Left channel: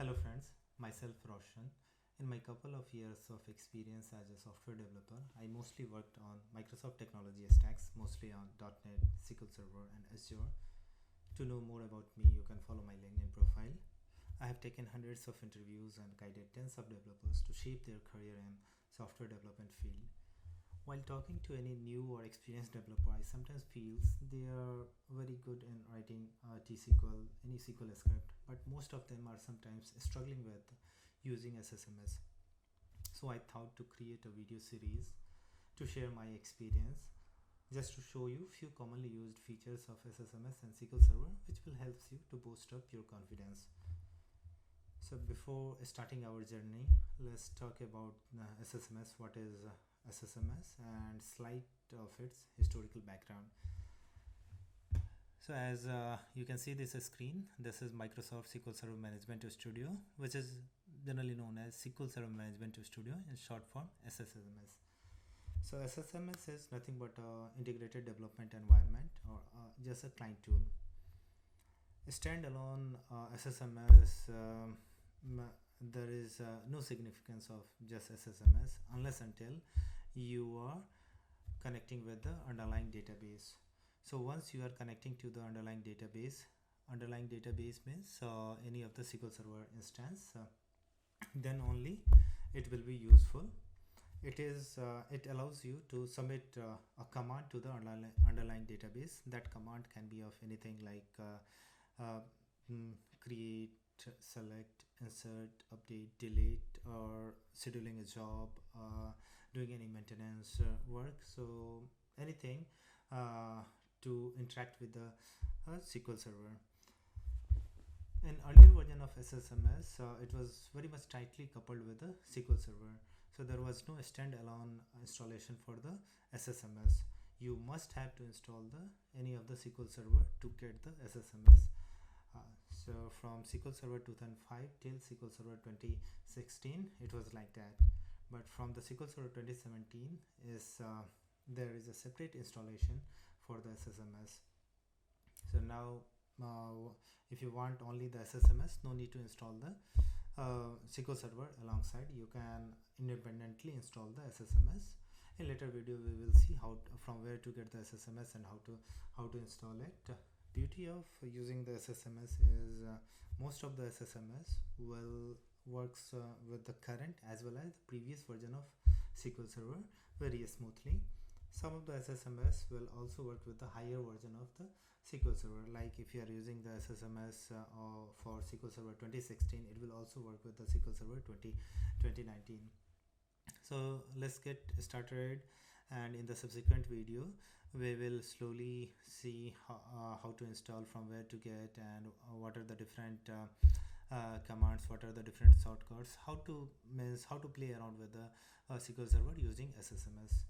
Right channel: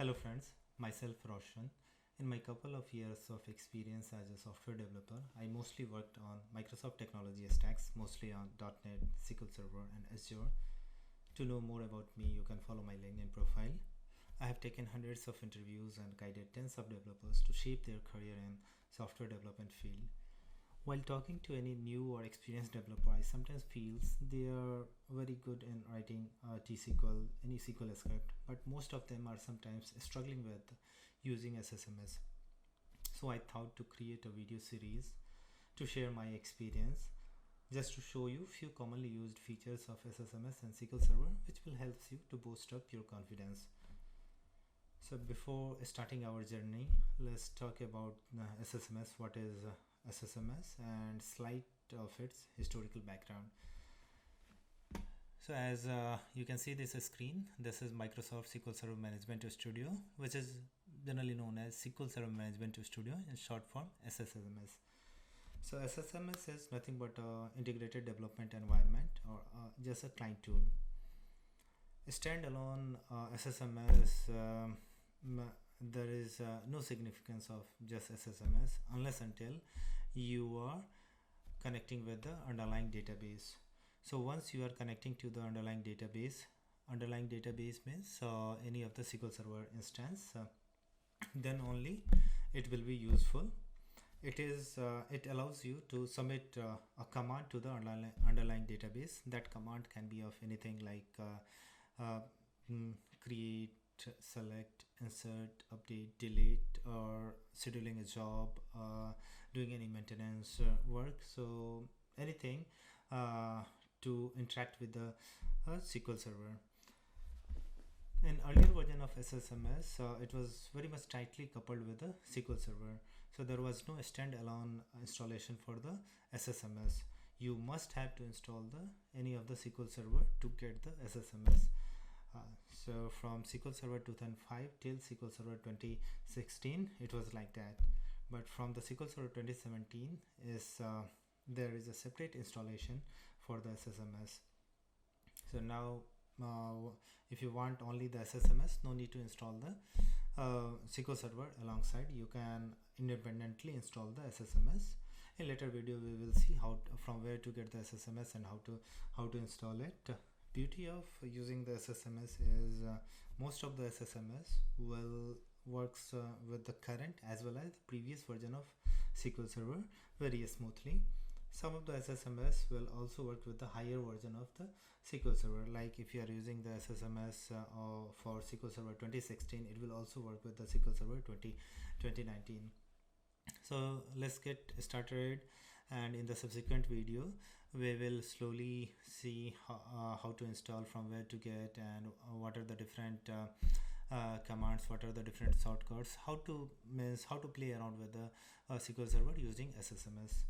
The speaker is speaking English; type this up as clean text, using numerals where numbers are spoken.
Hello friends, myself Roshan. In my couple of years of experience as a software developer, I mostly worked on Microsoft technology stacks, mostly on .NET, SQL Server and Azure. To know more about me, you can follow my LinkedIn profile. I have taken hundreds of interviews and guided tens of developers to shape their career in software development field. While talking to any new or experienced developer, I sometimes feel they are very good in writing T-SQL, any SQL script, but most of them are sometimes struggling with using SSMS. So I thought to create a video series to share my experience, just to show you few commonly used features of SSMS and SQL Server, which will help you to boost up your confidence. So before starting our journey, let's talk about SSMS. What is SSMS and slight of its historical background. So as you can see this screen, this is Microsoft SQL Server Management Studio, which is generally known as SQL Server Management Studio, in short form SSMS. So SSMS is nothing but integrated development environment, or just a client tool. A standalone SSMS, there is no significance of just SSMS unless until you are connecting with the underlying database. So once you are connecting to the underlying database means any of the SQL Server instance, then only it will be useful. It allows you to submit a command to the underlying database. That command can be of anything like create, select, insert, update, delete, or scheduling a job, doing any maintenance work. So anything to interact with the SQL Server. In earlier version of SSMS, it was very much tightly coupled with the SQL Server. So there was no standalone installation for the SSMS. You must have to install any of the SQL Server to get the SSMS. So from SQL Server 2005 till SQL Server 2016, it was like that. But from the SQL Server 2017 there is a separate installation for the SSMS. So now if you want only the SSMS, no need to install the SQL Server alongside. You can independently install the SSMS. In later video we will see from where to get the SSMS and how to install it. Beauty of using the SSMS is most of the SSMS works with the current as well as the previous version of SQL Server very smoothly. Some of the SSMS will also work with the higher version of the SQL Server. Like if you are using the SSMS for SQL Server 2016, it will also work with the SQL Server 2019. So let's get started, and in the subsequent video we will slowly see how to install, from where to get, and what are the different commands, what are the different shortcuts, how to play around with the SQL Server using SSMS.